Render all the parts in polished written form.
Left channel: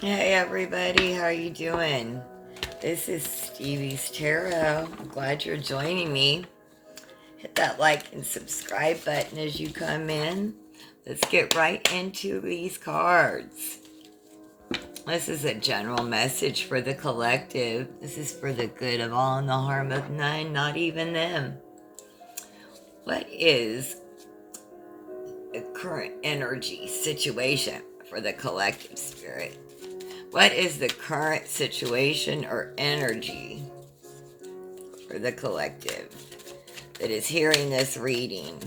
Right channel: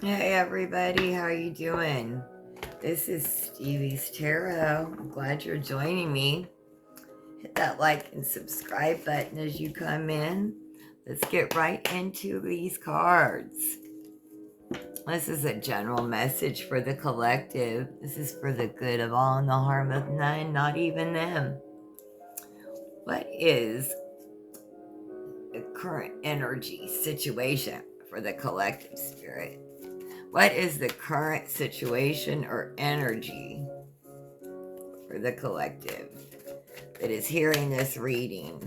Hey everybody, how are you doing? This is Stevie's Tarot. I'm glad you're joining me. Hit that like and subscribe button as you come in. Let's get right into these cards. This is a general message for the collective. This is for the good of all and the harm of none, not even them. What is the current energy situation for the collective spirit? What is the current situation or energy for the collective that is hearing this reading?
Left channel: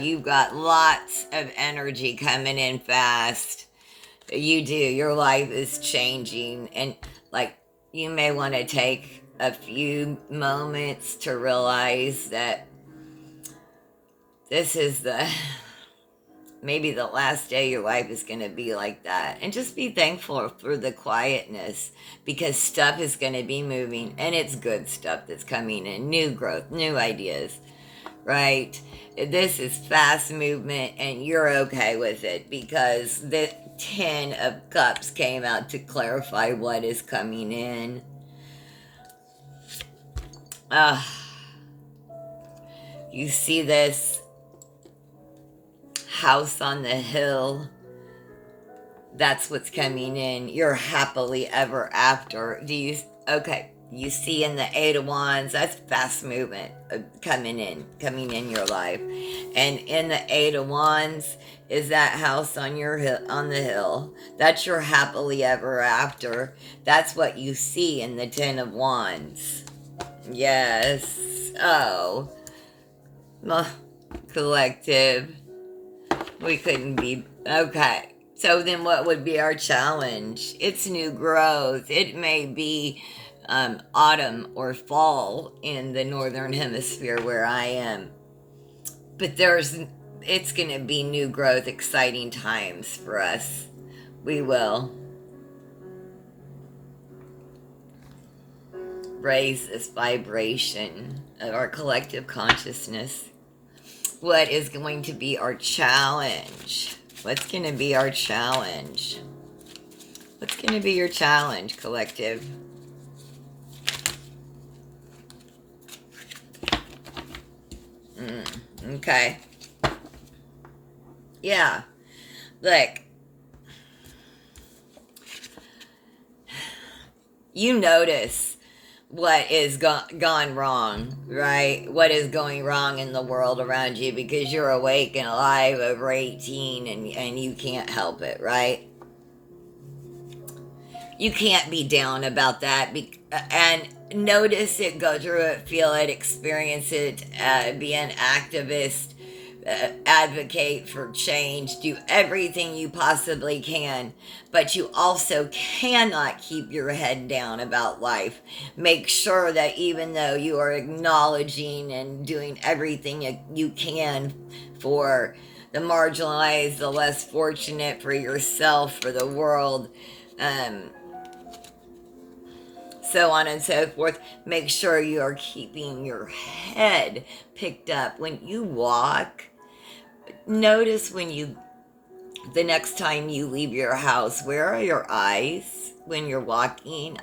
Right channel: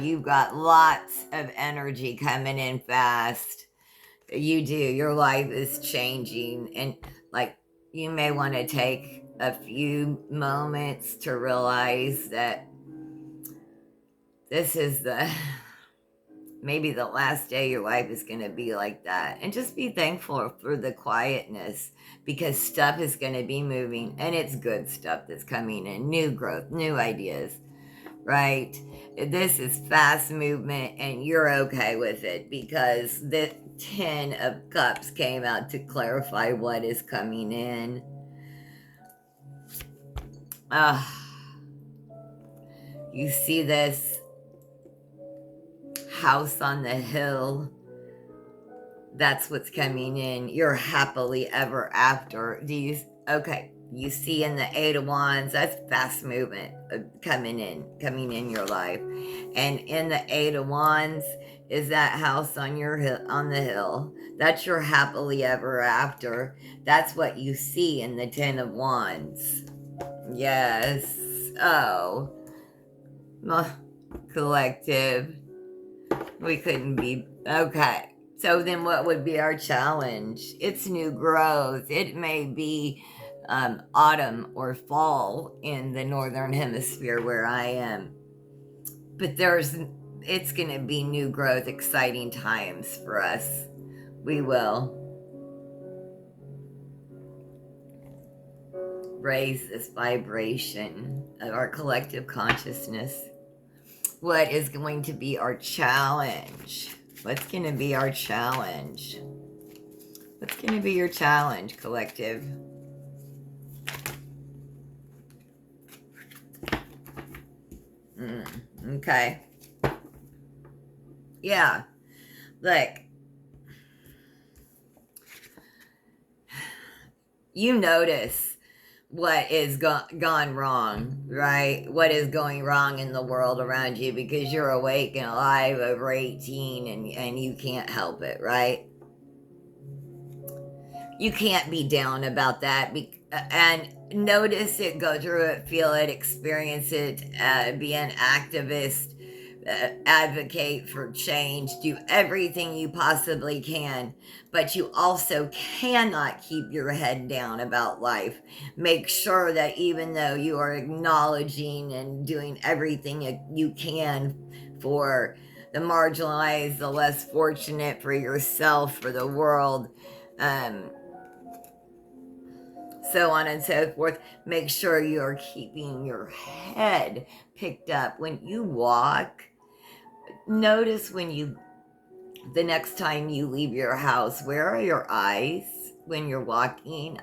You've got lots of energy coming in fast. You do. Your life is changing. And, like, you may want to take a few moments to realize that this is maybe the last day your life is going to be like that. And just be thankful for the quietness, because stuff is going to be moving, and it's good stuff that's coming in. New growth, new ideas, right? This is fast movement, and you're okay with it because the 10 of Cups came out to clarify what is coming in. You see this house on the hill? That's what's coming in. You're happily ever after. Okay, you see in the Eight of Wands, that's fast movement coming in your life. And in the Eight of Wands is that house on the hill. That's your happily ever after. That's what you see in the Ten of Wands. Yes. Oh. Collective. We couldn't be... Okay. So then what would be our challenge? It's new growth. It may be autumn or fall in the northern hemisphere where I am. But it's going to be new growth, exciting times for us. We will raise this vibration of our collective consciousness. What is going to be our challenge? What's going to be our challenge? What's going to be your challenge, collective? Okay. Yeah. Look. You notice what is gone wrong, right? What is going wrong in the world around you, because you're awake and alive over 18 and you can't help it, right? You can't be down about that. And notice it, go through it, feel it, experience it, be an activist, advocate for change, do everything you possibly can, but you also cannot keep your head down about life. Make sure that even though you are acknowledging and doing everything you can for the marginalized, the less fortunate, for yourself, for the world, so on and so forth, make sure you are keeping your head picked up. When you walk, notice the next time you leave your house, where are your eyes when you're walking?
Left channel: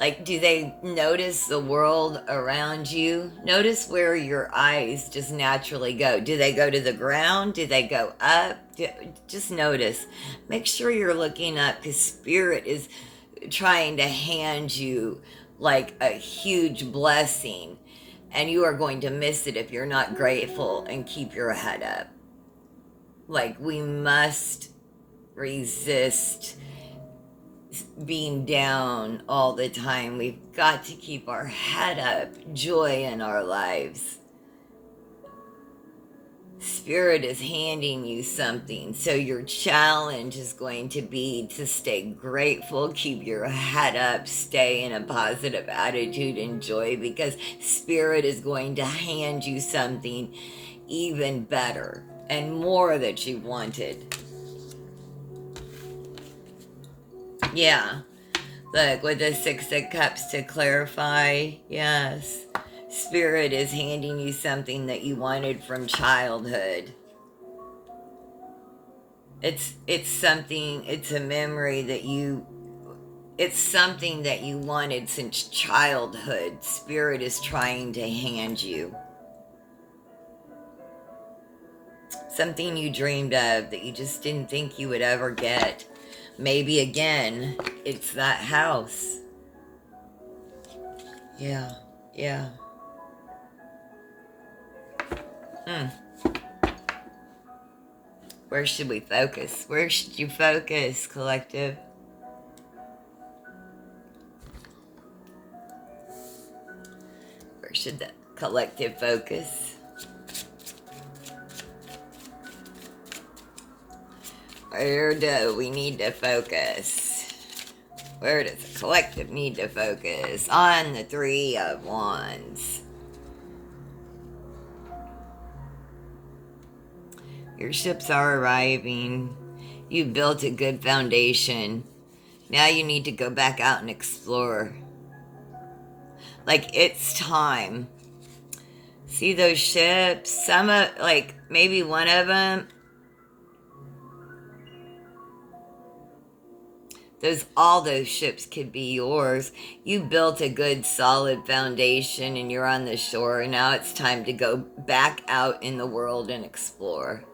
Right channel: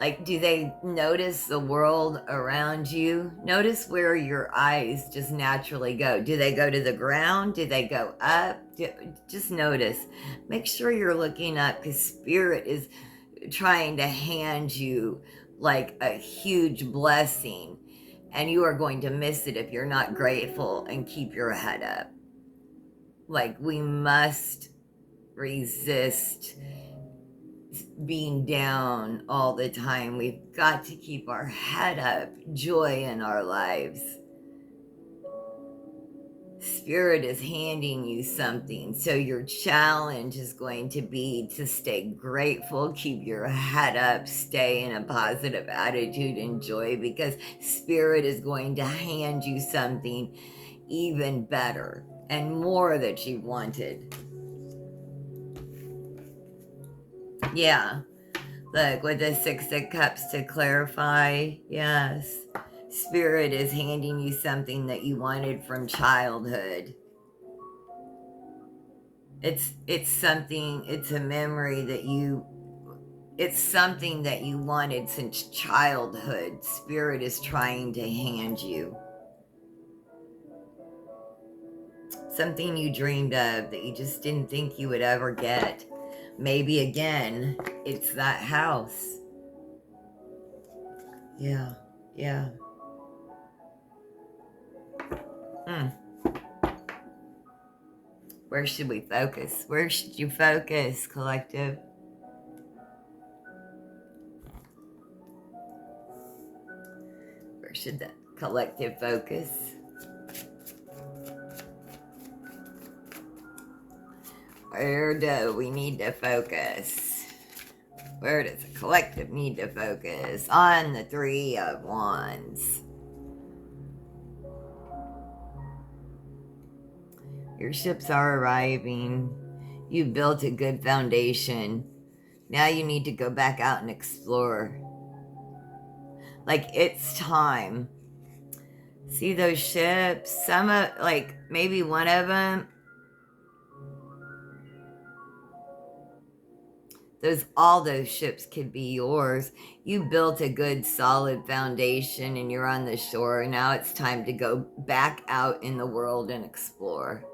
Like, do they notice the world around you? Notice where your eyes just naturally go. Do they go to the ground? Do they go up? Just notice. Make sure you're looking up, because Spirit is trying to hand you like a huge blessing, and you are going to miss it if you're not grateful and keep your head up. Like, we must resist being down all the time. We've got to keep our head up, joy in our lives. Spirit is handing you something, so your challenge is going to be to stay grateful, keep your head up, stay in a positive attitude and joy, because Spirit is going to hand you something even better and more that you wanted. Yeah. Look, with the Six of Cups to clarify, yes. Spirit is handing you something that you wanted from childhood. It's something, it's a memory that it's something that you wanted since childhood. Spirit is trying to hand you something you dreamed of that you just didn't think you would ever get. Maybe again, it's that house. Yeah, yeah. Where should we focus? Where should you focus, collective? Where should the collective focus? Where do we need to focus? Where does the collective need to focus? On the Three of Wands. Your ships are arriving. You've built a good foundation. Now you need to go back out and explore. Like, it's time. See those ships? Some of, like, maybe one of them, all those ships could be yours. You built a good solid foundation and you're on the shore. Now it's time to go back out in the world and explore.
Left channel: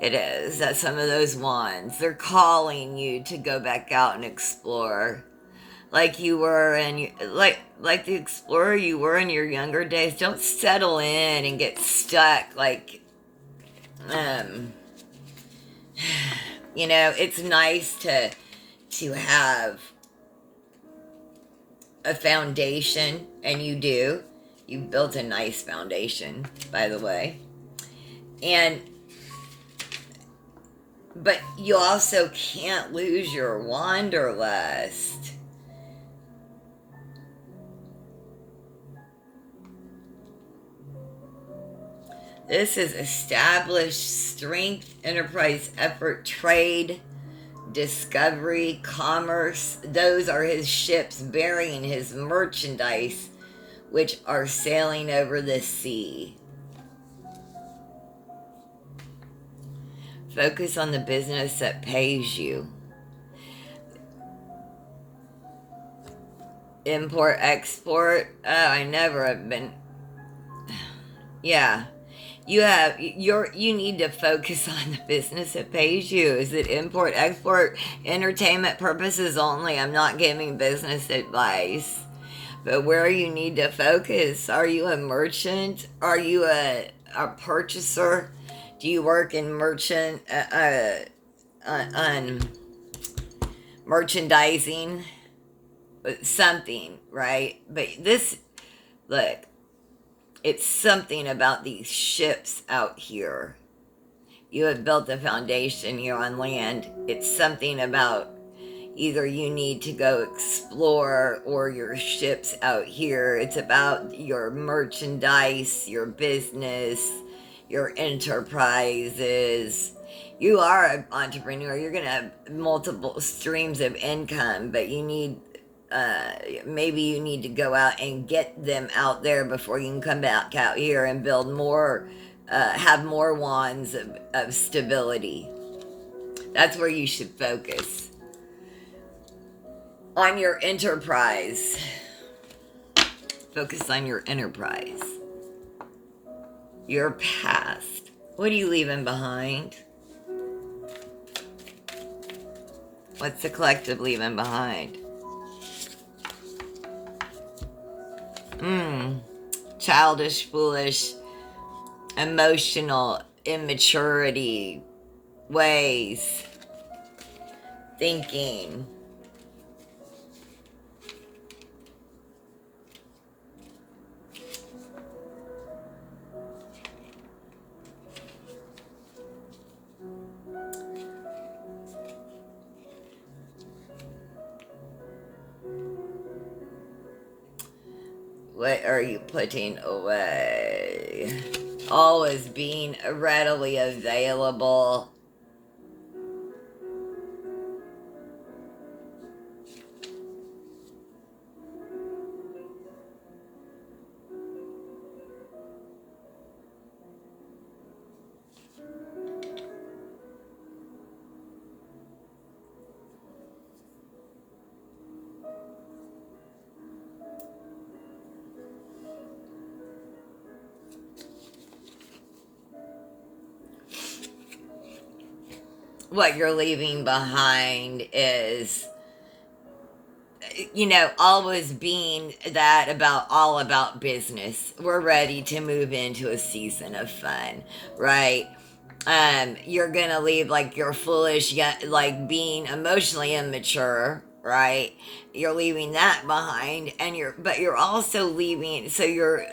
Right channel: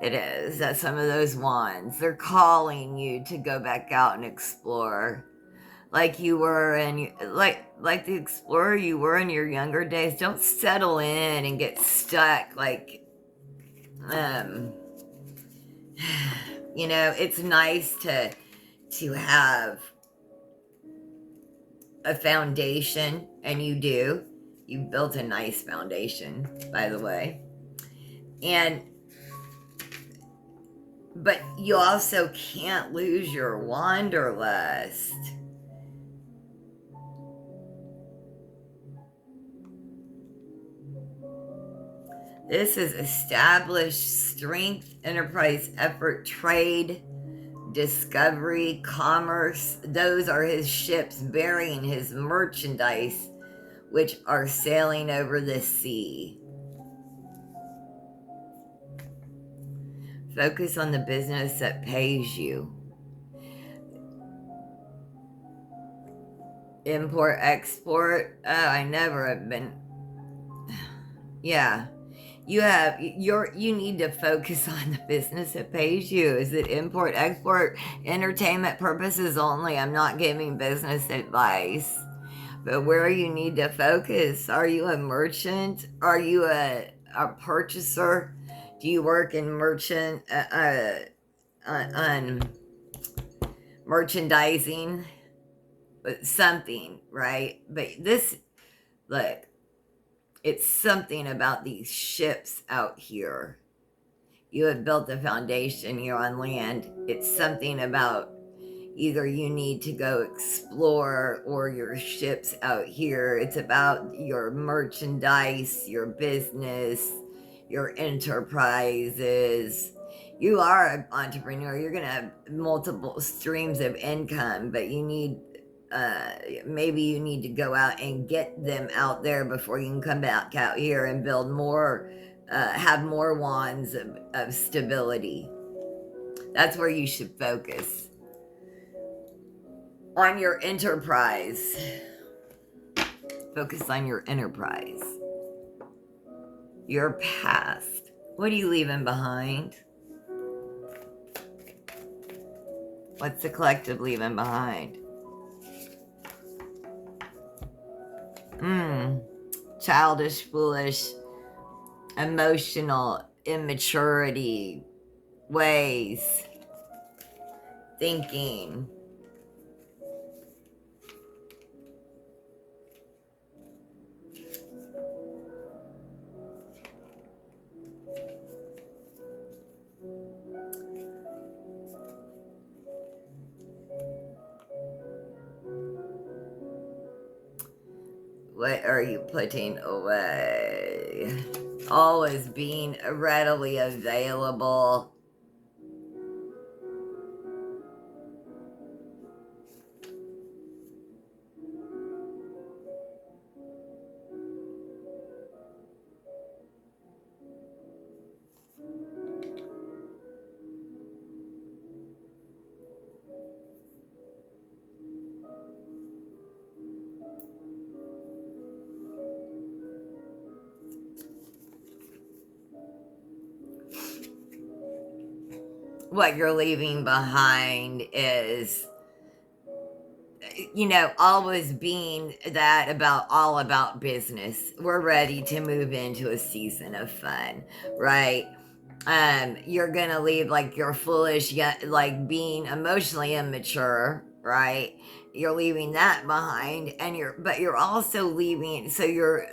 It is. That's some of those wands. They're calling you to go back out and explore. Like you were and like the explorer you were in your younger days. Don't settle in and get stuck like you know, it's nice to have a foundation, and you do. You've built a nice foundation, by the way. But you also can't lose your wanderlust. This is established strength, enterprise, effort, trade, discovery, commerce. Those are his ships bearing his merchandise, which are sailing over the sea. Focus on the business that pays you. Import, export. Oh, I never have been. Yeah. You need to focus on the business that pays you. Is it import, export, entertainment purposes only? I'm not giving business advice. But where you need to focus, are you a merchant? Are you a purchaser? Do you work in merchandising? Something, right? But this, look, it's something about these ships out here. You have built a foundation here on land. It's something about either you need to go explore or your ships out here. It's about your merchandise, your business, your enterprises. You are an entrepreneur. You're going to have multiple streams of income, but you need maybe you need to go out and get them out there before you can come back out here and build more, have more wands of stability. That's where you should focus. On your enterprise. Focus on your enterprise. Your past. What are you leaving behind? What's the collective leaving behind? Childish, foolish, emotional, immaturity, ways, thinking. What are you putting away? Always being readily available. what you're leaving behind is, always being that all about business. We're ready to move into a season of fun, right? You're gonna leave like you're foolish, yet like being emotionally immature, right? You're leaving that behind, and you're also leaving. So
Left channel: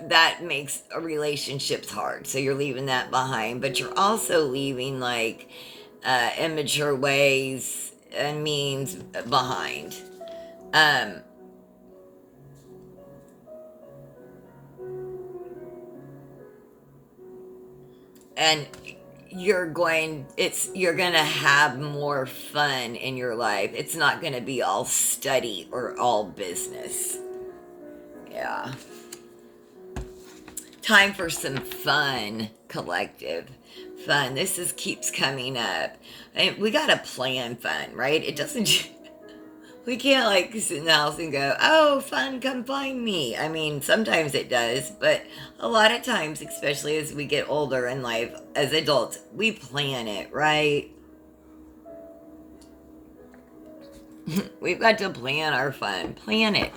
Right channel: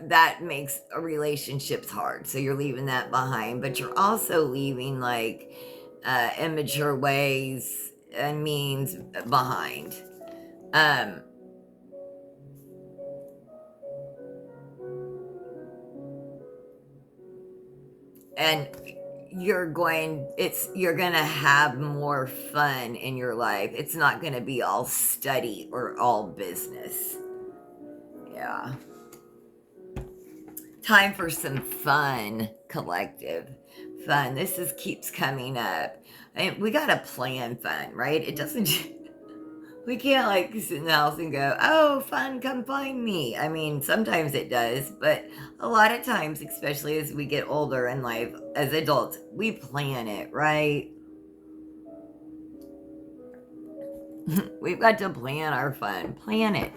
that makes relationships hard. So you're leaving that behind, but you're also leaving like immature ways and means behind. Um, and you're gonna have more fun in your life. It's not gonna be all study or all business. Yeah. Time for some fun, collective. Fun. This is keeps coming up. And we gotta plan fun, right? It doesn't we can't like sit in the house and go, oh, fun, come find me. I mean, sometimes it does, but a lot of times, especially as we get older in life, as adults, we plan it, right? We've got to plan our fun. Plan it.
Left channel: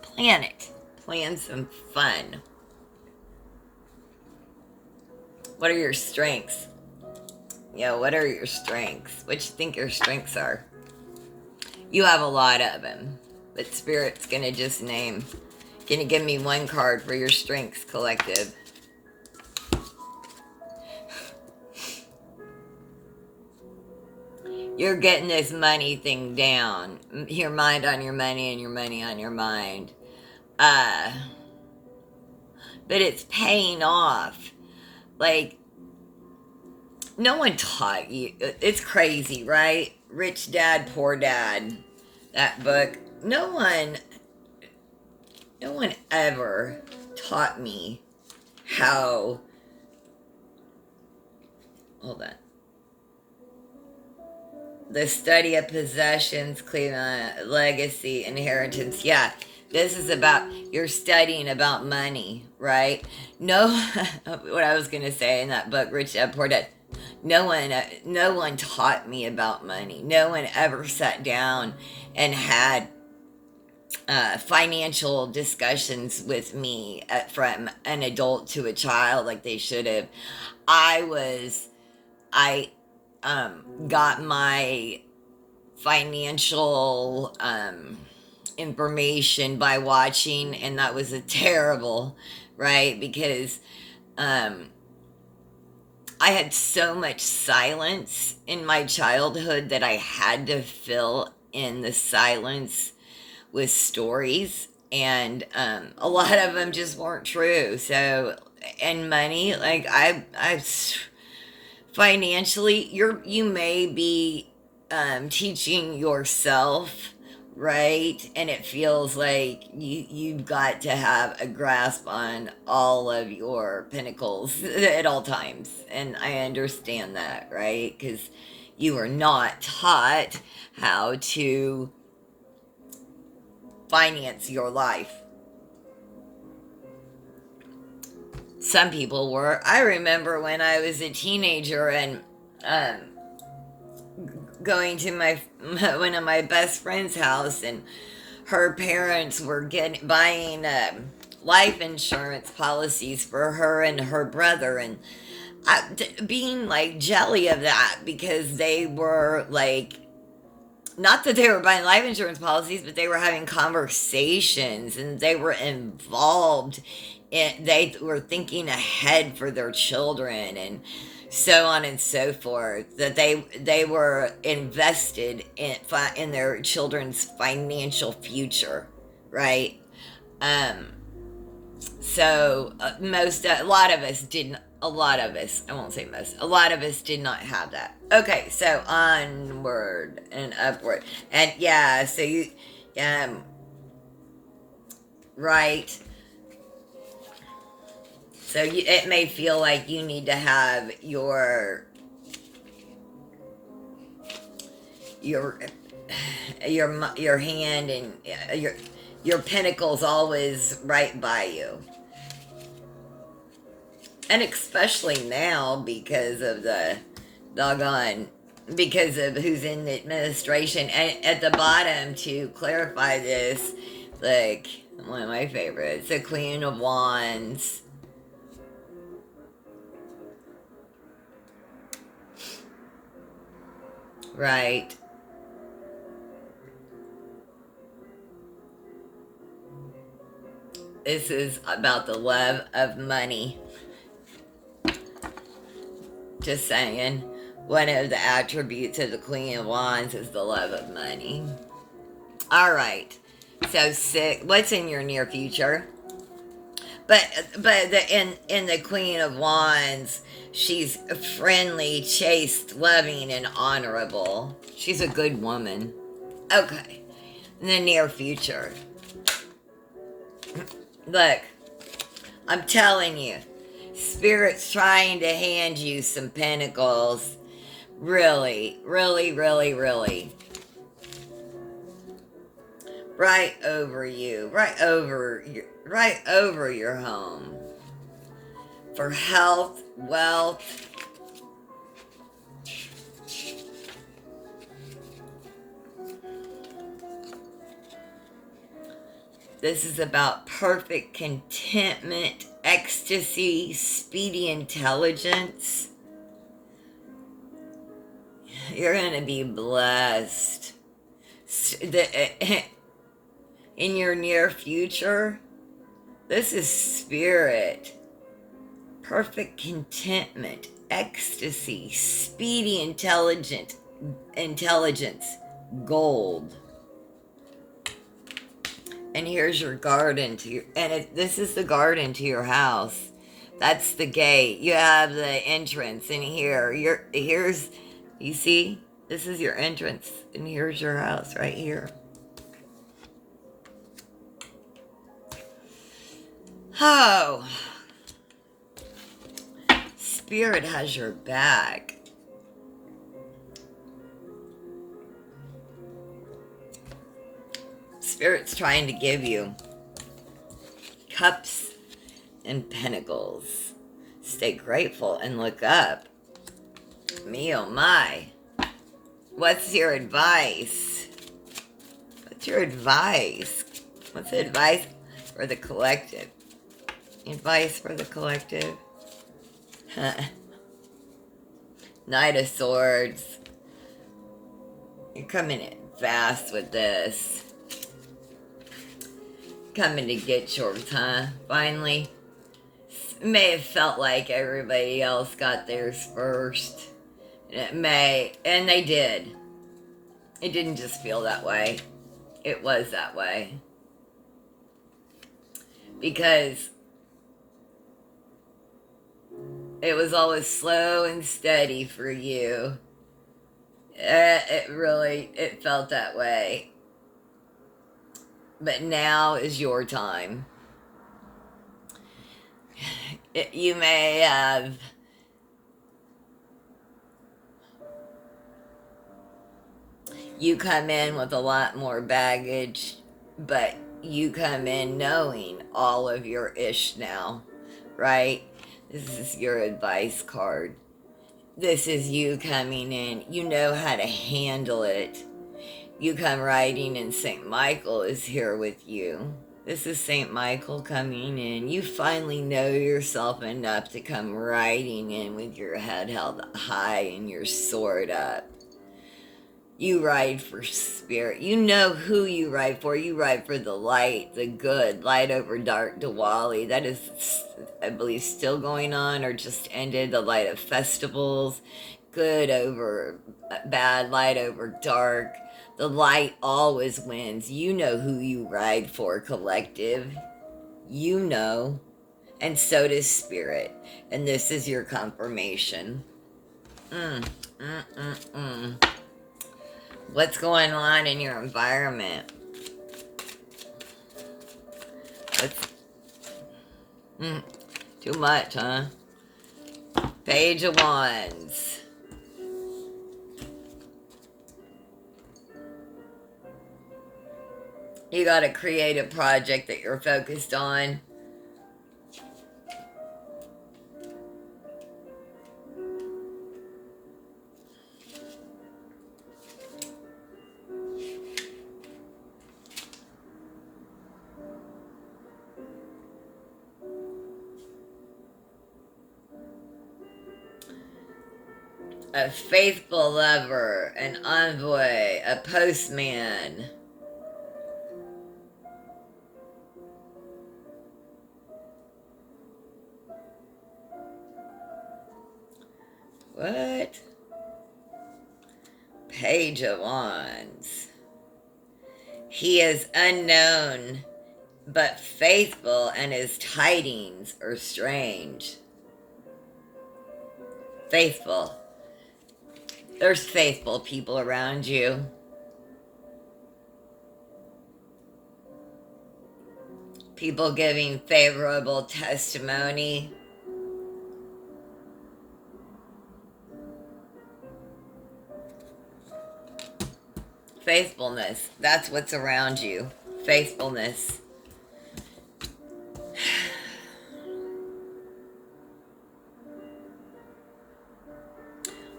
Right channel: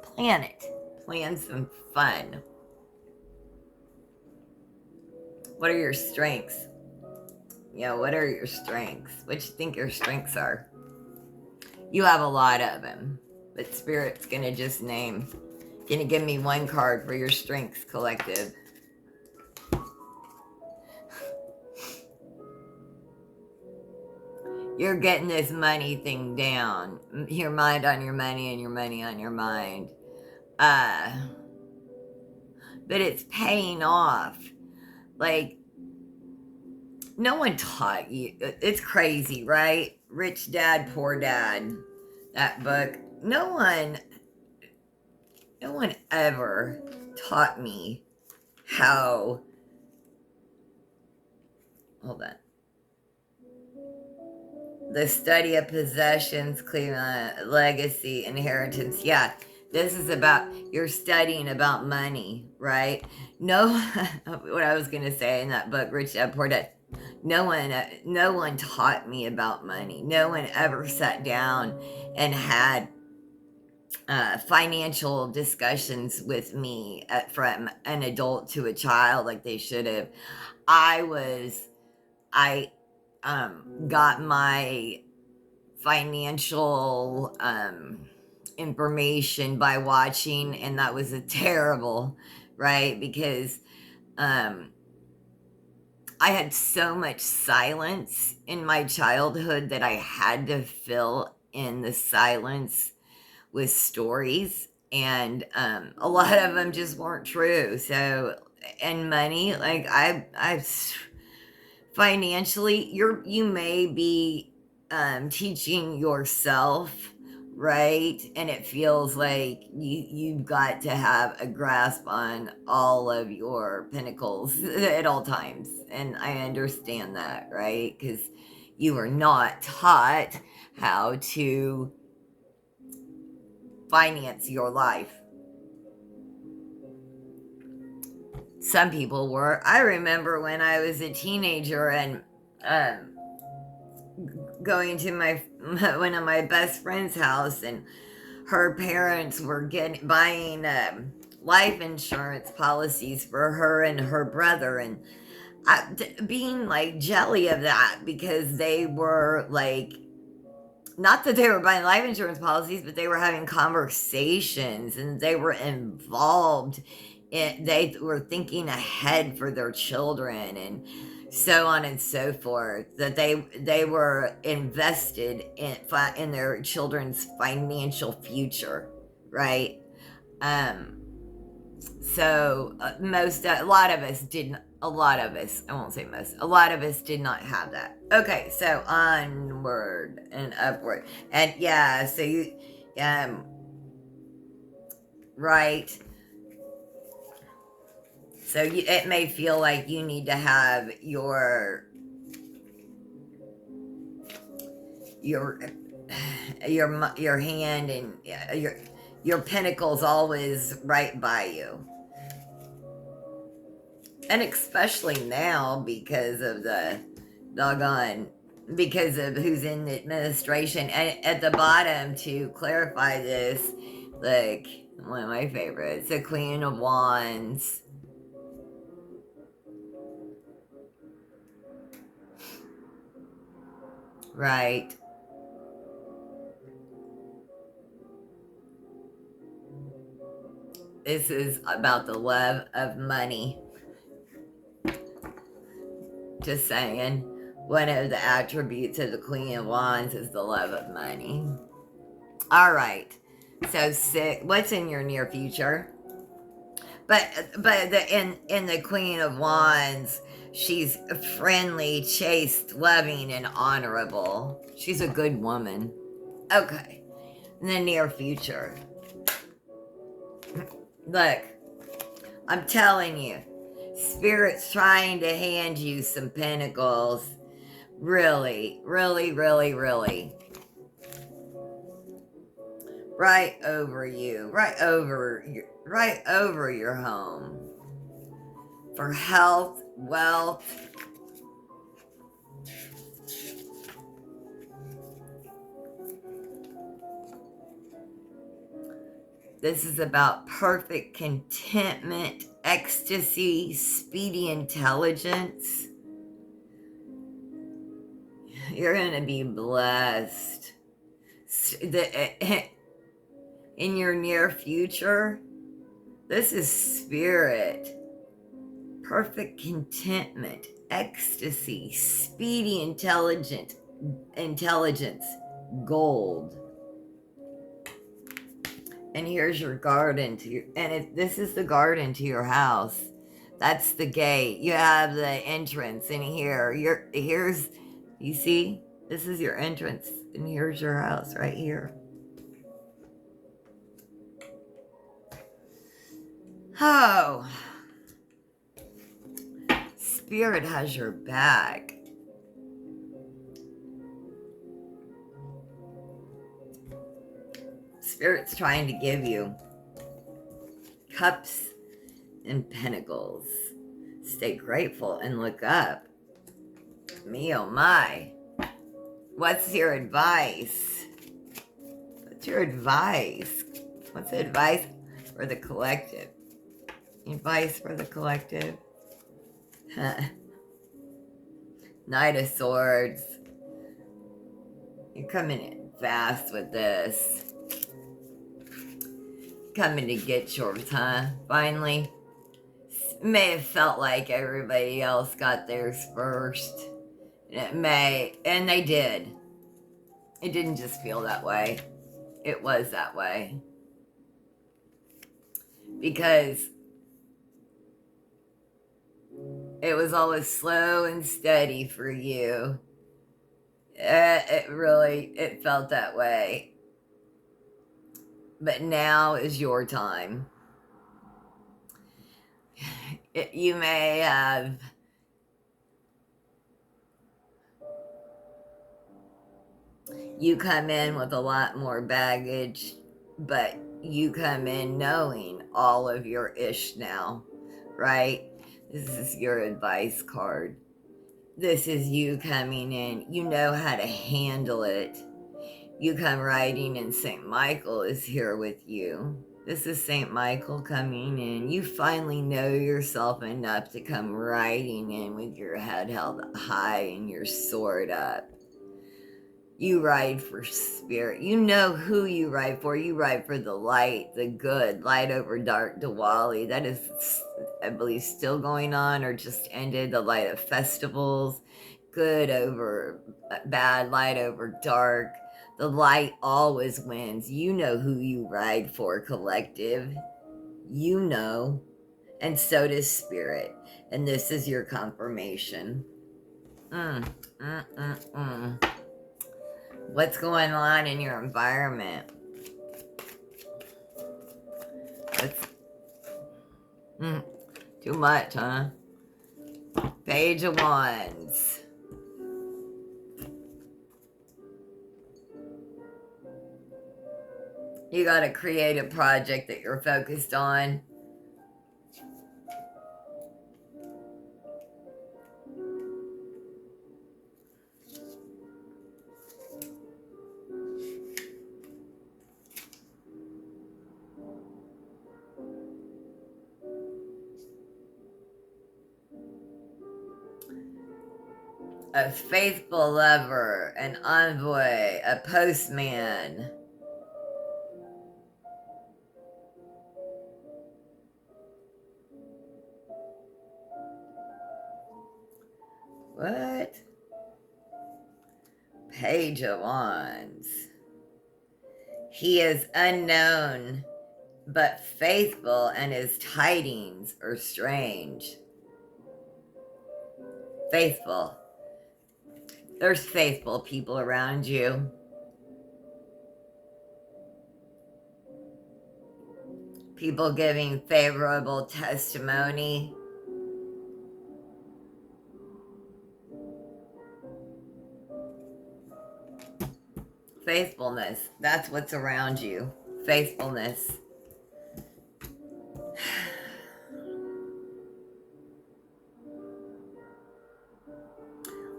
Plan it. Plan some fun. What are your strengths? What are your strengths? What you think your strengths are? You have a lot of them, but Spirit's gonna just name. Can you give me one card for your strengths, collective? You're getting this money thing down. Your mind on your money and your money on your mind. But it's paying off. Like, no one taught you. It's crazy, right? Rich Dad, Poor Dad. That book. No one ever taught me how. Hold on. The study of possessions, legacy, inheritance. Yeah, this is about, you're studying about money, right? No, what I was going to say in that book, Rich Dad Poor Dad, no one taught me about money. No one ever sat down and had financial discussions with me from an adult to a child like they should have. I got my financial information by watching, and that was a terrible, right? Because I had so much silence in my childhood that I had to fill in the silence with stories, and a lot of them just weren't true. So, and money, like I financially, you may be teaching yourself, right? And it feels like you've got to have a grasp on all of your pinnacles at all times, and I understand that, right? Because you were not taught how to finance your life. Some people were. I remember when I was a teenager and going to my one of my best friend's house, and her parents were buying life insurance policies for her and her brother, and being like jelly of that, because they were like, not that they were buying life insurance policies, but they were having conversations and they were involved. They were thinking ahead for their children and so on and so forth. That they were invested in their children's financial future, right? Um, so a lot of us didn't. A lot of us, I won't say most, a lot of us did not have that. Okay, so onward and upward. And yeah, so right. So it may feel like you need to have your hand and your pinnacles always right by you. And especially now because of the doggone because of who's in the administration. And at the bottom, to clarify this, like one of my favorites, the Queen of Wands. Right. This is about the love of money. Just saying. One of the attributes of the Queen of Wands is the love of money. All right. So what's in your near future? In the Queen of Wands, she's friendly, chaste, loving, and honorable. She's a good woman. Okay. In the near future. Look, I'm telling you, Spirit's trying to hand you some pentacles. Really, really, really, really. Right over you, right over your home. For health, wealth. This is about perfect contentment, ecstasy, speedy intelligence. You're going to be blessed. In your near future, this is spirit. Perfect contentment, ecstasy, speedy intelligence, gold. And here's your garden this is the garden to your house. That's the gate. You have the entrance in here. You see? This is your entrance, and here's your house right here. Oh. Spirit has your back. Spirit's trying to give you cups and pentacles. Stay grateful and look up. Me oh my. What's your advice? What's your advice? What's the advice for the collective? Advice for the collective? Knight of Swords. You're coming in fast with this. Coming to get yours, huh? Finally. It may have felt like everybody else got theirs first. And they did. It didn't just feel that way. It was that way. Because it was always slow and steady for you. It felt that way. But now is your time. You may have you come in with a lot more baggage, but you come in knowing all of your ish now, right? This is your advice card. This is you coming in. You know how to handle it. You come riding and St. Michael is here with you. This is St. Michael coming in. You finally know yourself enough to come riding in with your head held high and your sword up. You ride for spirit. You know who you ride for. You ride for the light, the good, light over dark Diwali. That is, I believe, still going on or just ended. The light of festivals, good over bad, light over dark. The light always wins. You know who you ride for, collective. You know. And so does spirit. And this is your confirmation. What's going on in your environment? Too much, huh? Page of Wands. You got a creative project that you're focused on. a faithful lover, an envoy, a postman. What? Page of Wands. He is unknown but faithful, and his tidings are strange. Faithful. There's faithful people around you. People giving favorable testimony. Faithfulness. That's what's around you. Faithfulness.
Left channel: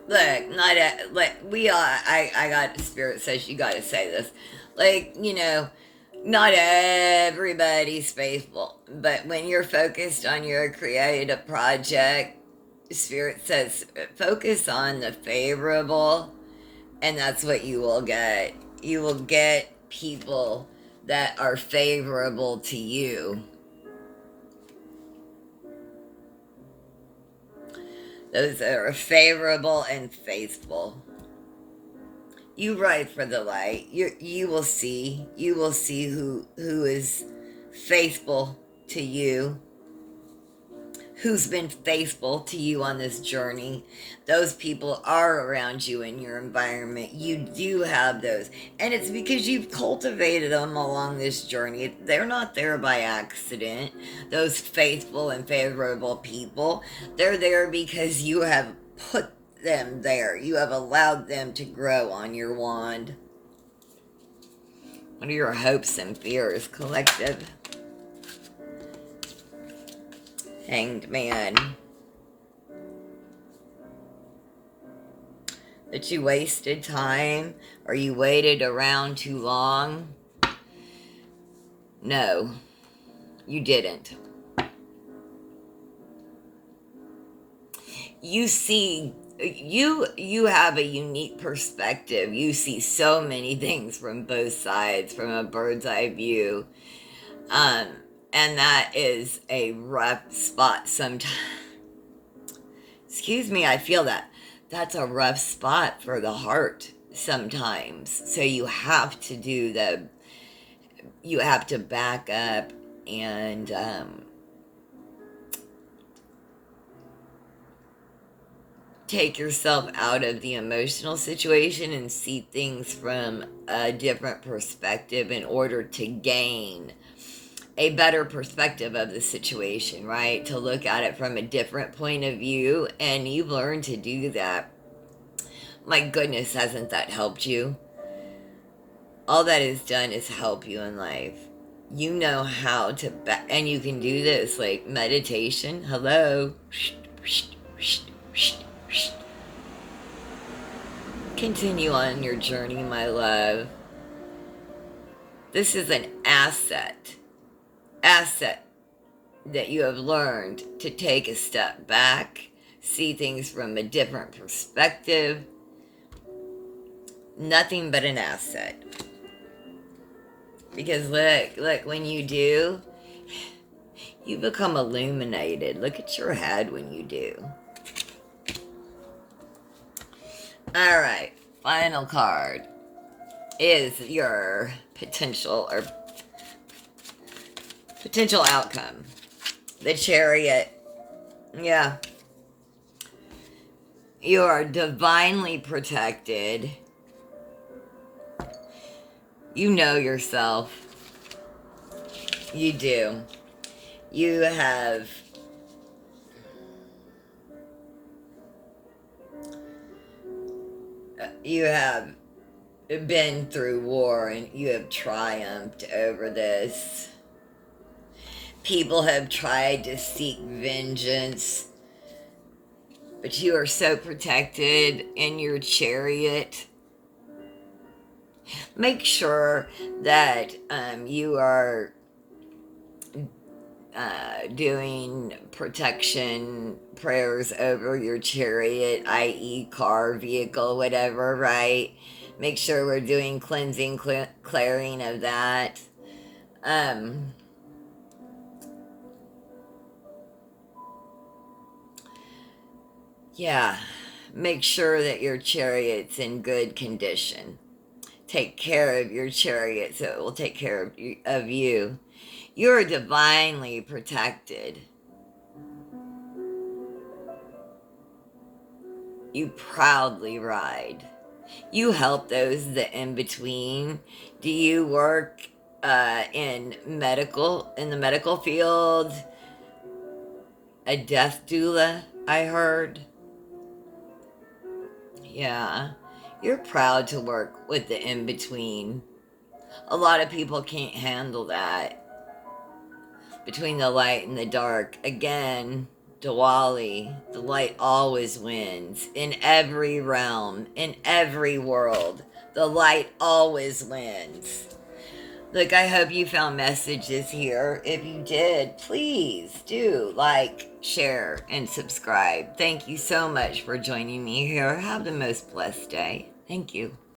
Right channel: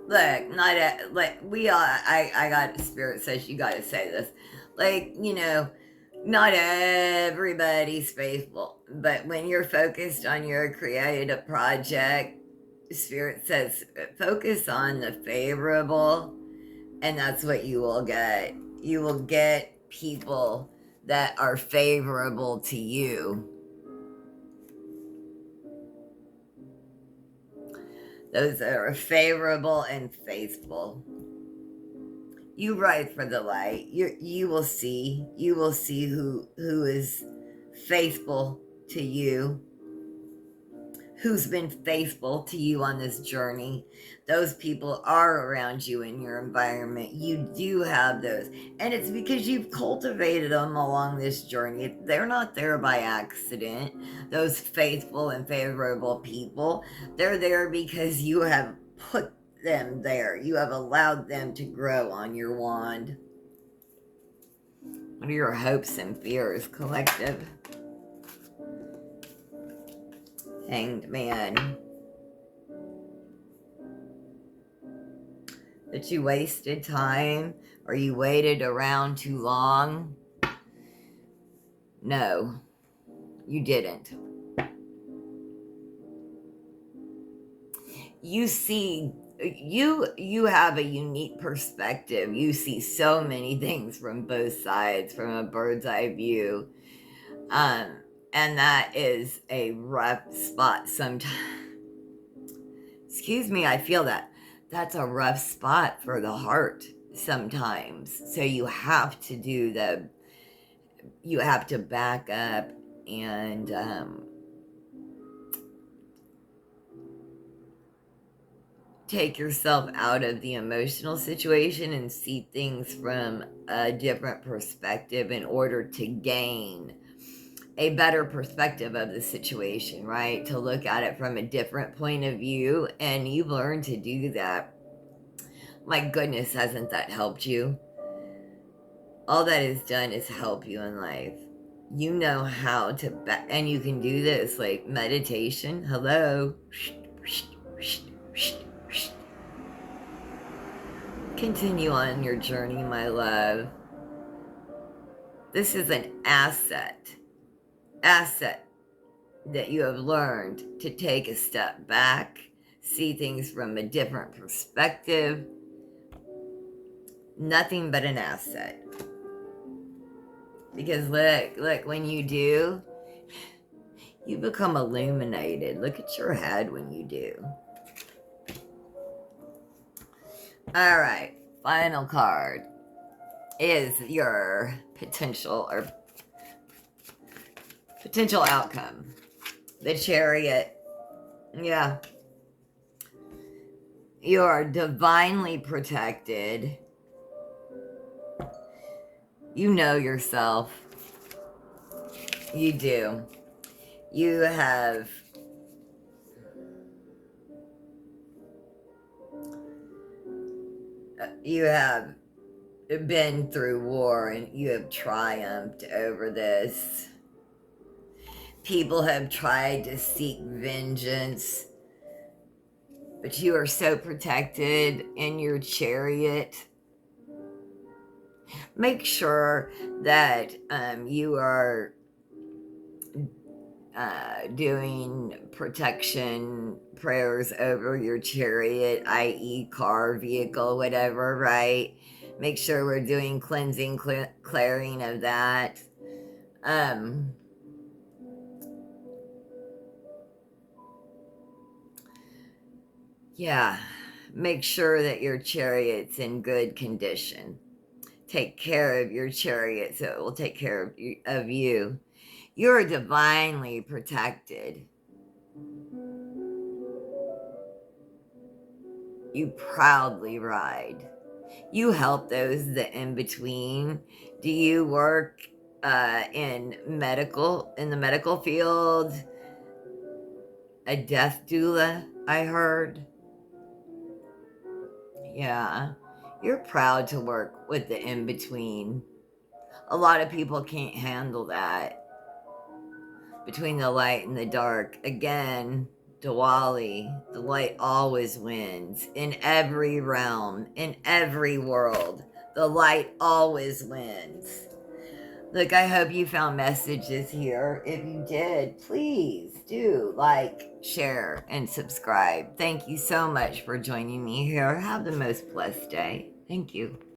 Look, not a, like we all. I got spirit says you got to say this. Like, not everybody's faithful, but when you're focused on your creative project, spirit says focus on the favorable, and that's what you will get. You will get people that are favorable to you. Those that are favorable and faithful. You ride for the light. You will see. You will see who is faithful to you. Who's been faithful to you on this journey. Those people are around you in your environment. You do have those. And it's because you've cultivated them along this journey. They're not there by accident. Those faithful and favorable people, they're there because you have put them there. You have allowed them to grow on your wand. What are your hopes and fears, collective? Hanged Man. That you wasted time or you waited around too long? No, you didn't. You see, you have a unique perspective. You see so many things from both sides, from a bird's eye view. And that is a rough spot sometimes. Excuse me, I feel that. That's a rough spot for the heart sometimes. So you have to you have to back up and take yourself out of the emotional situation and see things from a different perspective in order to gain a better perspective of the situation, right? To look at it from a different point of view, and you've learned to do that. My goodness, hasn't that helped you? All that is done is help you in life. You know how to, and you can do this like meditation. Hello. Continue on your journey, my love. This is an asset that you have learned to take a step back, see things from a different perspective. Nothing but an asset. Because look, when you do, you become illuminated. Look at your head when you do. All right, final card is your potential outcome. The Chariot. Yeah. You are divinely protected. You know yourself. You do. You have been through war and you have triumphed over this. People have tried to seek vengeance, but you are so protected in your chariot. Make sure that you are doing protection prayers over your chariot, i.e., car, vehicle, whatever, right? Make sure we're doing cleansing, clearing of that. Um, yeah, make sure that your chariot's in good condition. Take care of your chariot so it will take care of you. You're divinely protected. You proudly ride. You help those that in between. Do you work in the medical field? A death doula, I heard. Yeah. You're proud to work with the in between. A lot of people can't handle that. Between the light and the dark. Again, Diwali, the light always wins. In every realm, in every world, the light always wins. Look, I hope you found messages here. If you did, please do like, share, and subscribe. Thank you so much for joining me here. Have the most blessed day. Thank you.